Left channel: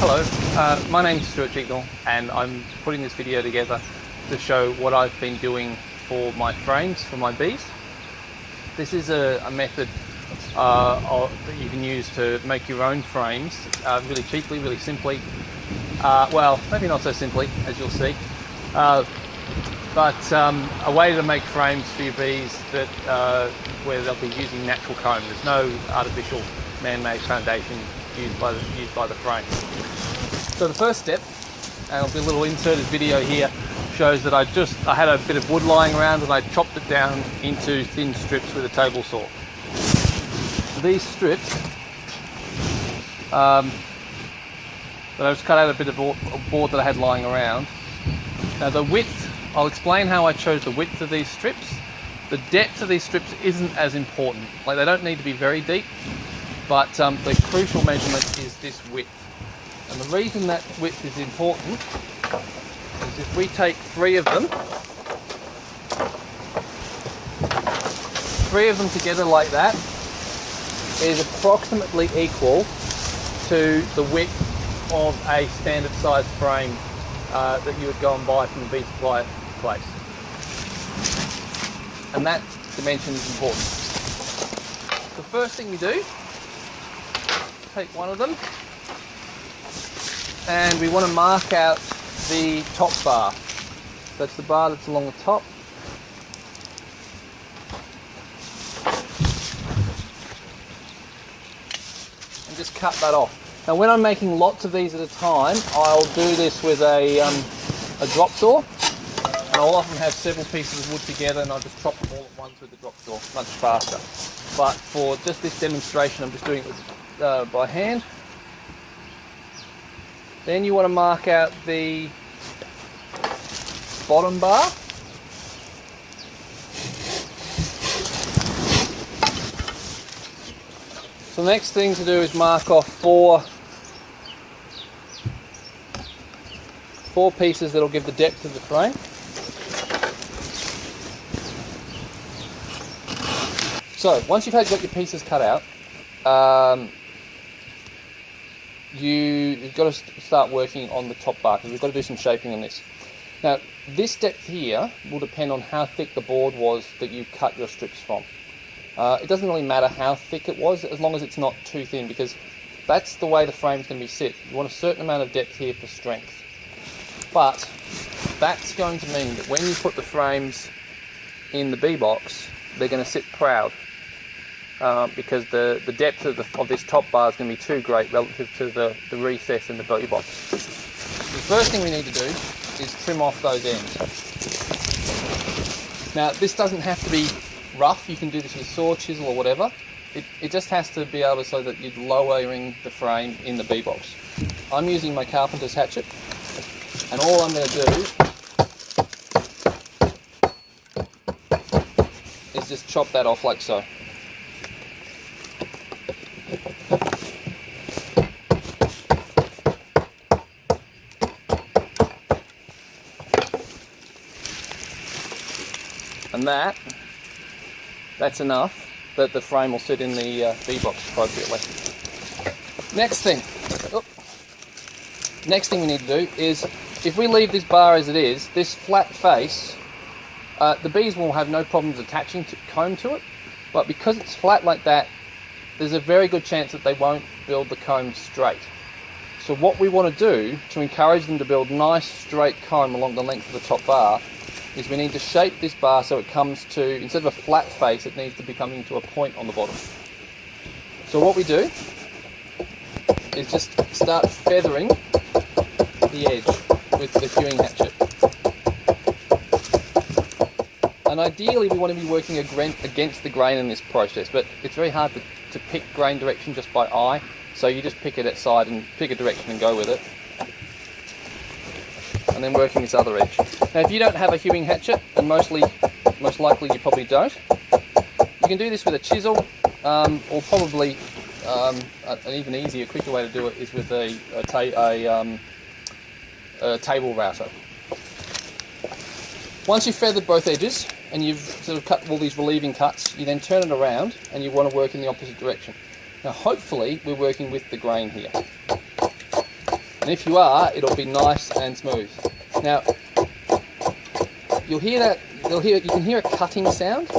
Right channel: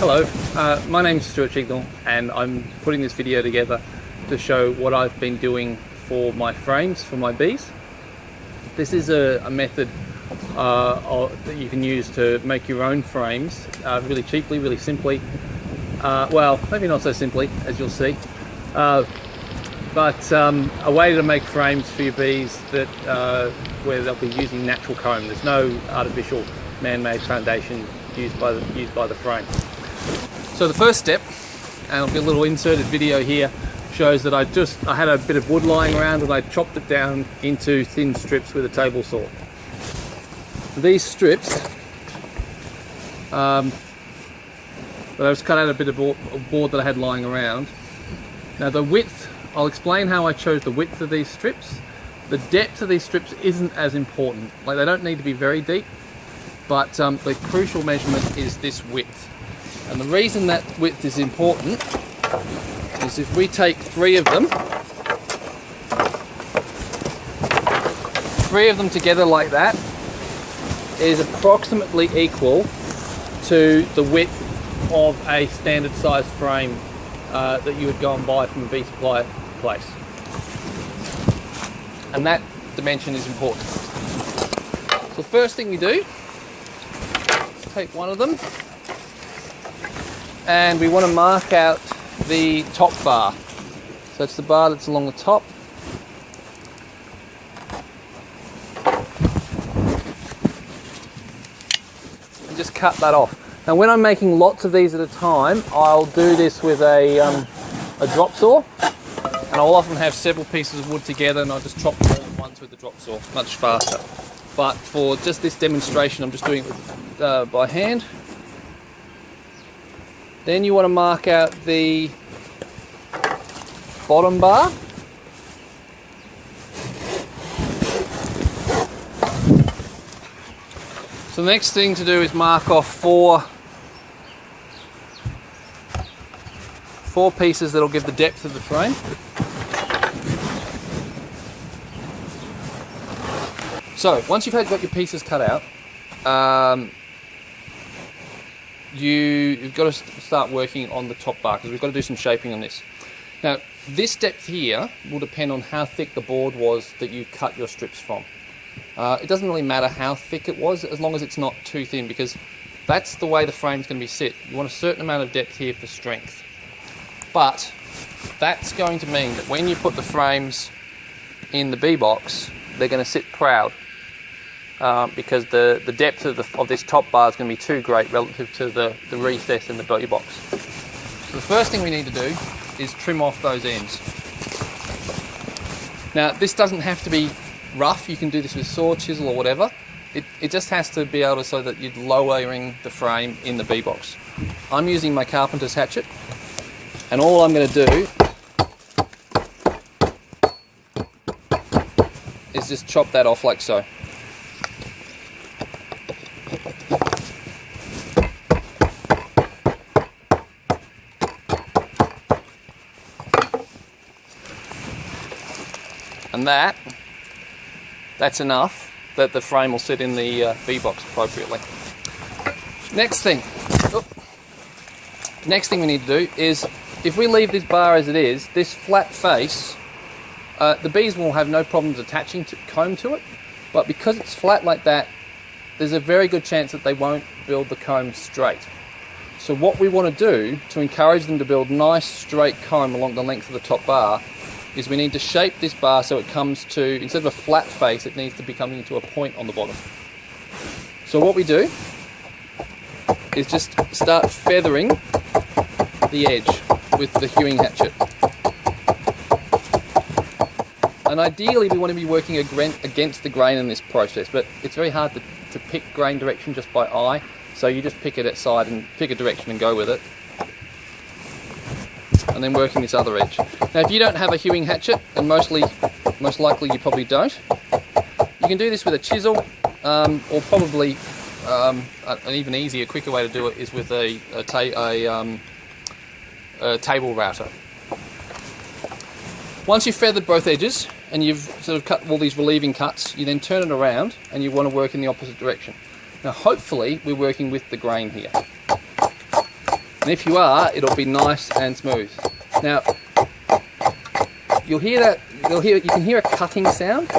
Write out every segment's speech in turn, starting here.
Hello, my name is Stuart Chignall and I'm putting this video together to show what I've been doing for my frames for my bees. This is a method that you can use to make your own frames really cheaply, really simply. Well, maybe not so simply, as you'll see, but a way to make frames for your bees that where they'll be using natural comb. There's no artificial man-made foundation used by the frame. So the first step, and I'll do a little inserted video here, shows that I had a bit of wood lying around and I chopped it down into thin strips with a table saw. These strips, that I just cut out a bit of board that I had lying around. Now the width, I'll explain how I chose the width of these strips. The depth of these strips isn't as important. Like, they don't need to be very deep, but the crucial measurement is this width. And the reason that width is important is if we take three of them together like that, is approximately equal to the width of a standard size frame that you would go and buy from a bee supply place. And that dimension is important. So the first thing we do is take one of them, and we want to mark out the top bar. So that's the bar that's along the top. And just cut that off. Now when I'm making lots of these at a time, I'll do this with a drop saw. And I'll often have several pieces of wood together and I'll just chop them all at once with the drop saw, much faster. But for just this demonstration, I'm just doing it by hand. Then you want to mark out the bottom bar. So the next thing to do is mark off four pieces that'll give the depth of the frame. So once you've got your pieces cut out, you've got to start working on the top bar, because we've got to do some shaping on this. Now this depth here will depend on how thick the board was that you cut your strips from. It doesn't really matter how thick it was, as long as it's not too thin, because that's the way the frame's going to be sit. You want a certain amount of depth here for strength. But that's going to mean that when you put the frames in the bee box, they're going to sit proud. Because the depth of this top bar is going to be too great relative to the recess in the bee box. The first thing we need to do is trim off those ends. Now this doesn't have to be rough, you can do this with saw, chisel or whatever. It just has to be able so that you're lowering the frame in the bee box. I'm using my carpenter's hatchet, and all I'm going to do is just chop that off like so. And that's enough that the frame will sit in the bee box appropriately. Next thing we need to do is, if we leave this bar as it is, this flat face, the bees will have no problems attaching comb to it, but because it's flat like that, there's a very good chance that they won't build the comb straight. So what we want to do to encourage them to build nice straight comb along the length of the top bar is we need to shape this bar so it comes to, instead of a flat face, it needs to be coming to a point on the bottom. So what we do is just start feathering the edge with the hewing hatchet. And ideally we want to be working against the grain in this process, but it's very hard to pick grain direction just by eye, so you just pick it at side and pick a direction and go with it. And then working this other edge. Now if you don't have a hewing hatchet, and most likely you probably don't, you can do this with a chisel, or probably an even easier, quicker way to do it is with a table router. Once you've feathered both edges and you've sort of cut all these relieving cuts, you then turn it around and you want to work in the opposite direction. Now hopefully we're working with the grain here. And if you are, it'll be nice and smooth. Now, you can hear a cutting sound,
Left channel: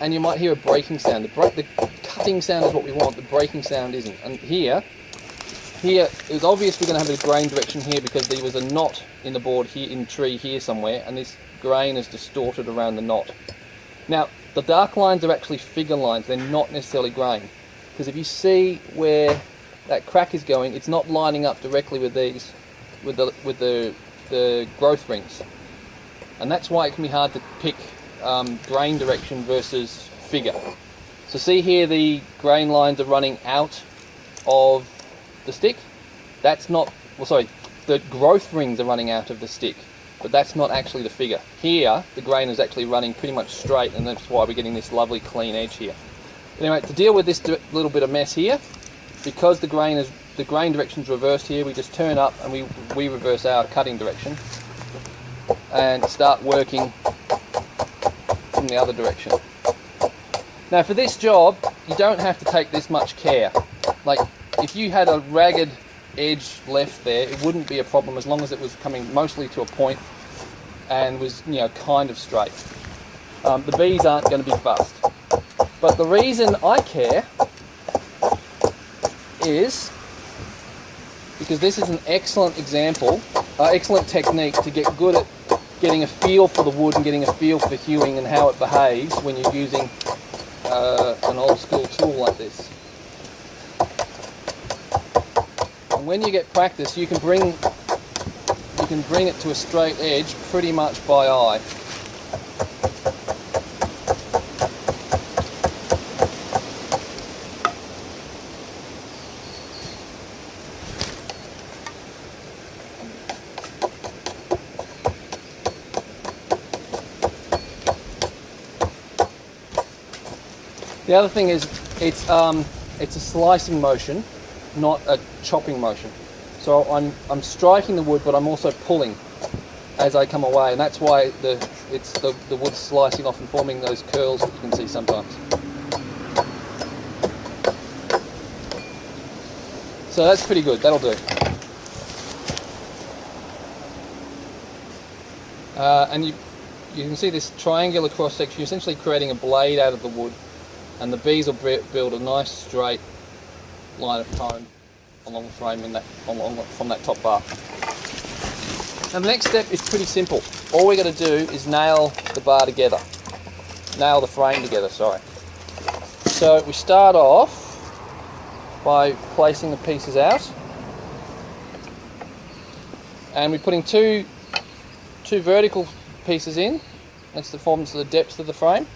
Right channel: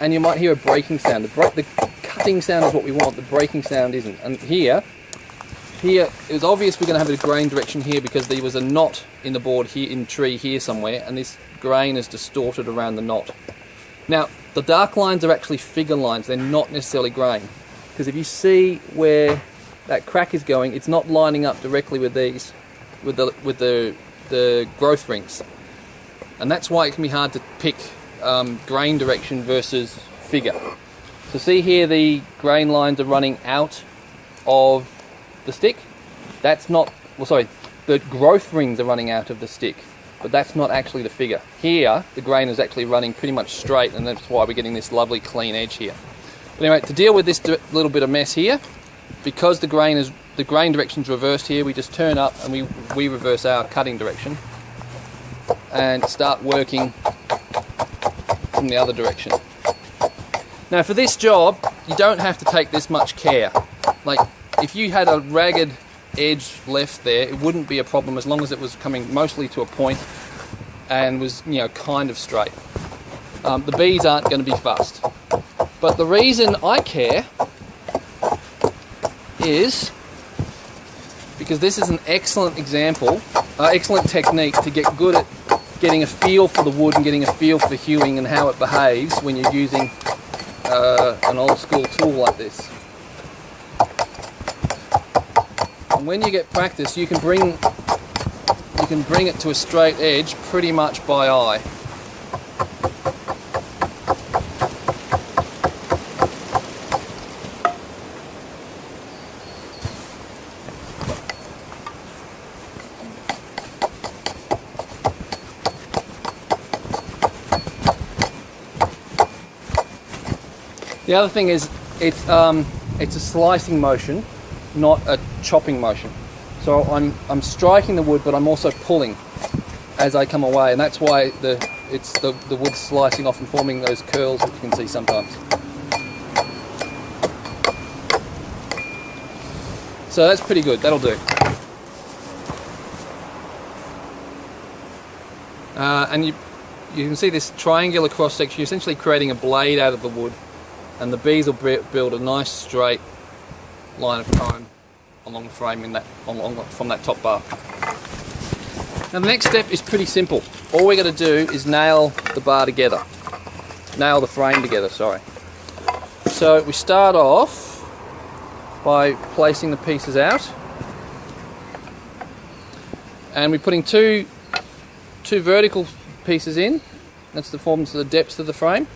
and you might hear a breaking sound. The cutting sound is what we want, the breaking sound isn't. And here it was obvious we're going to have a grain direction here because there was a knot in the board here, in tree here somewhere, and this grain is distorted around the knot. Now, the dark lines are actually figure lines, they're not necessarily grain. Because if you see where that crack is going, it's not lining up directly with these, with the growth rings. And that's why it can be hard to pick grain direction versus figure. So see here, the grain lines are running out of the stick. That's not, well, sorry, the growth rings are running out of the stick, but that's not actually the figure. Here, the grain is actually running pretty much straight, and that's why we're getting this lovely clean edge here. But anyway, to deal with this little bit of mess here, because the grain direction's reversed here, we just turn up and we reverse our cutting direction and start working from the other direction. Now for this job, you don't have to take this much care. Like, if you had a ragged edge left there, it wouldn't be a problem as long as it was coming mostly to a point and was, you know, kind of straight. The bees aren't going to be fussed. But the reason I care is because this is an excellent example, excellent technique to get good at getting a feel for the wood and getting a feel for hewing and how it behaves when you're using an old school tool like this. And when you get practice, you can bring it to a straight edge pretty much by eye. The other thing is, it's a slicing motion, not a chopping motion. So I'm striking the wood, but I'm also pulling as I come away, and that's why the wood slicing off and forming those curls that you can see sometimes. So that's pretty good. That'll do. And you can see this triangular cross section. You're essentially creating a blade out of the wood. And the bees will build a nice straight line of comb along the frame from that top bar. Now the next step is pretty simple. All we're going to do is nail the bar together. Nail the frame together, sorry. So we start off by placing the pieces out. And we're putting two vertical pieces in. That's to form the depth of the frame.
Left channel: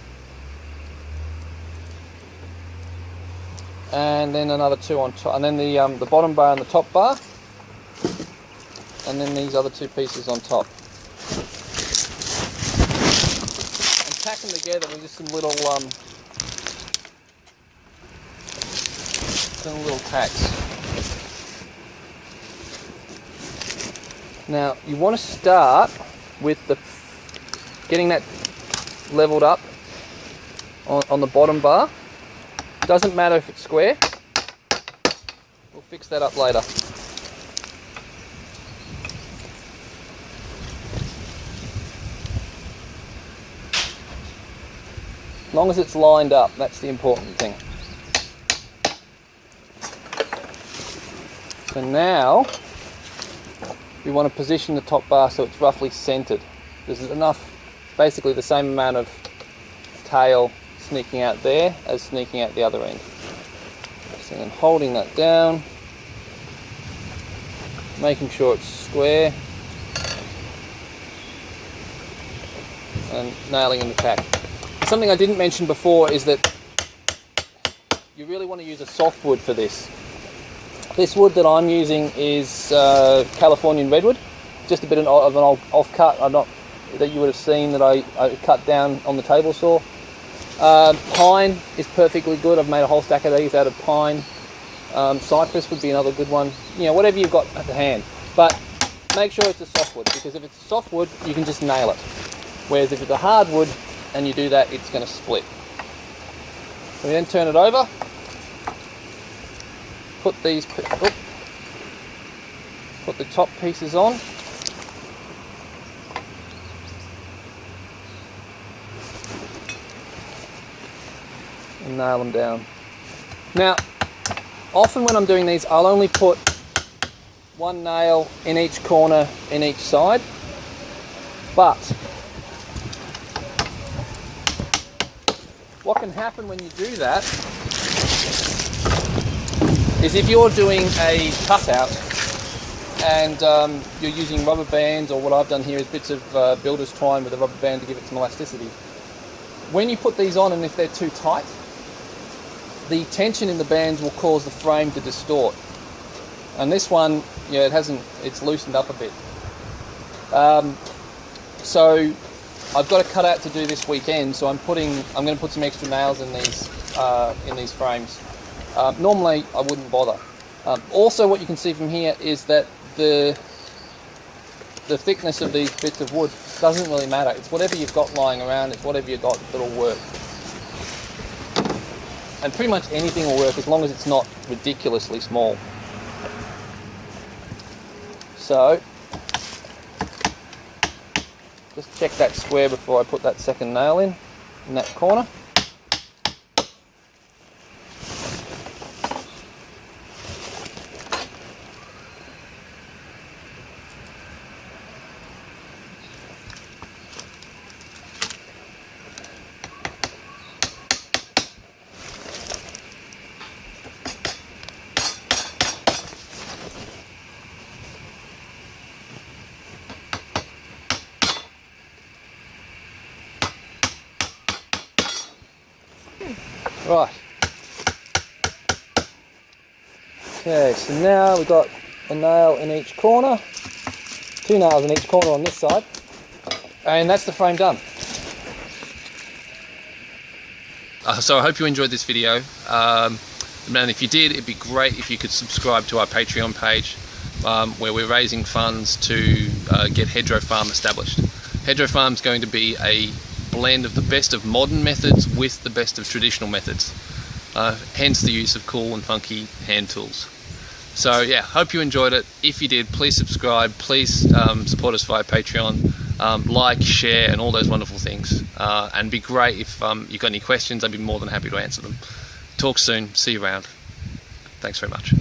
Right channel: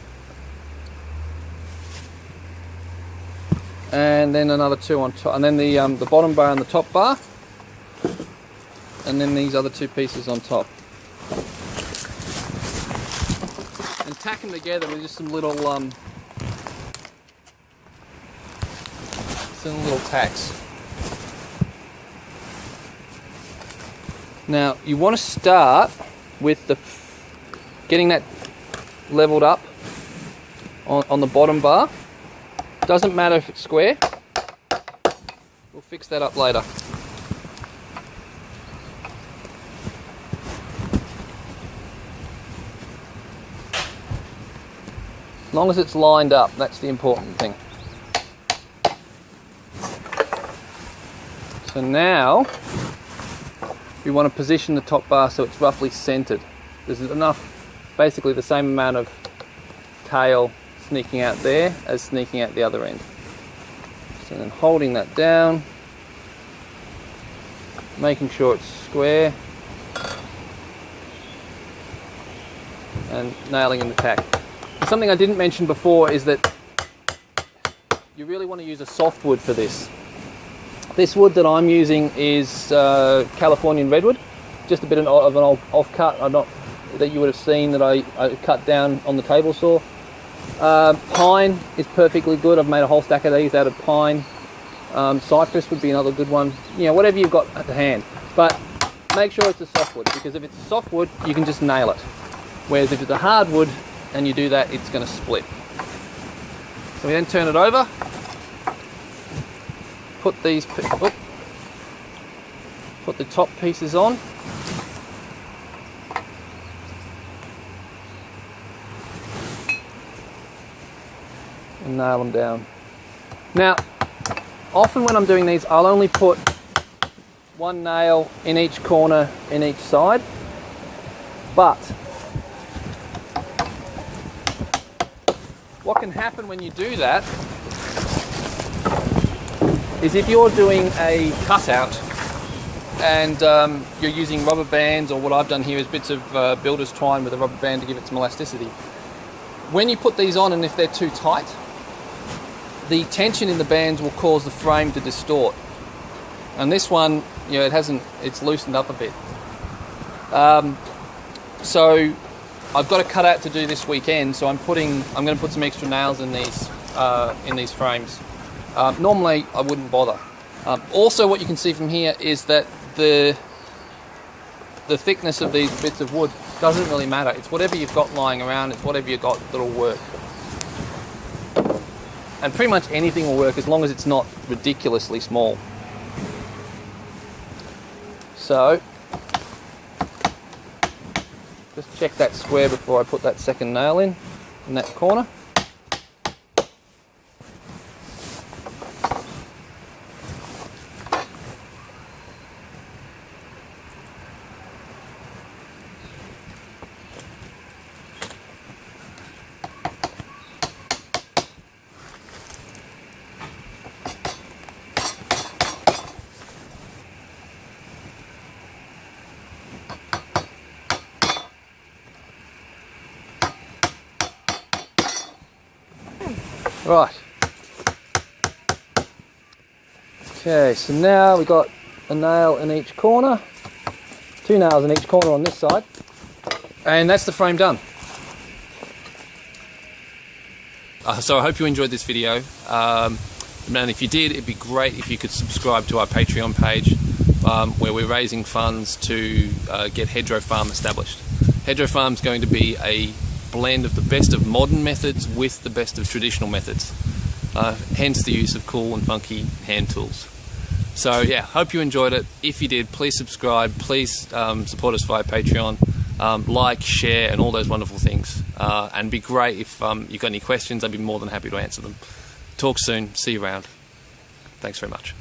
And then another two on top, and then the bottom bar and the top bar, and then these other two pieces on top. And tack them together with just some little tacks. Now you want to start with getting that leveled up on the bottom bar. Doesn't matter if it's square, we'll fix that up later. As long as it's lined up, that's the important thing. So now, we want to position the top bar so it's roughly centered. There's enough, basically the same amount of tail sneaking out there as sneaking out the other end. So I'm holding that down, making sure it's square, and nailing in the tack. Something I didn't mention before is that you really want to use a softwood for this. This wood that I'm using is Californian redwood, just a bit of an old offcut that you would have seen that I cut down on the table saw. Pine is perfectly good. I've made a whole stack of these out of pine. Cypress would be another good one. You know, whatever you've got at the hand. But make sure it's a softwood, because if it's a softwood, you can just nail it. Whereas if it's a hardwood and you do that, it's going to split. We then turn it over. Put these. put the top pieces on. And nail them down. Now, often when I'm doing these, I'll only put one nail in each corner in each side, but what can happen when you do that is if you're doing a cutout and you're using rubber bands, or what I've done here is bits of builder's twine with a rubber band to give it some elasticity. When you put these on, and if they're too tight, the tension in the bands will cause the frame to distort. And this one, you know, it's loosened up a bit. So I've got a cutout to do this weekend, so I'm going to put some extra nails in these frames. Normally I wouldn't bother. Also, what you can see from here is that the thickness of these bits of wood doesn't really matter. It's whatever you've got lying around, it's whatever you've got that'll work. And pretty much anything will work as long as it's not ridiculously small. So, just check that square before I put that second nail in that corner. Right. Okay, so now we've got a nail in each corner, 2 nails in each corner on this side, and that's the frame done. So I hope you enjoyed this video, and if you did, it'd be great if you could subscribe to our Patreon page, where we're raising funds to get Hedgerow Farm established. Hedgerow Farm is going to be a blend of the best of modern methods with the best of traditional methods, hence the use of cool and funky hand tools. So yeah, hope you enjoyed it. If you did, please subscribe, please support us via Patreon, like, share and all those wonderful things, and it'd be great if you've got any questions. I'd be more than happy to answer them. Talk soon, see you around. Thanks very much.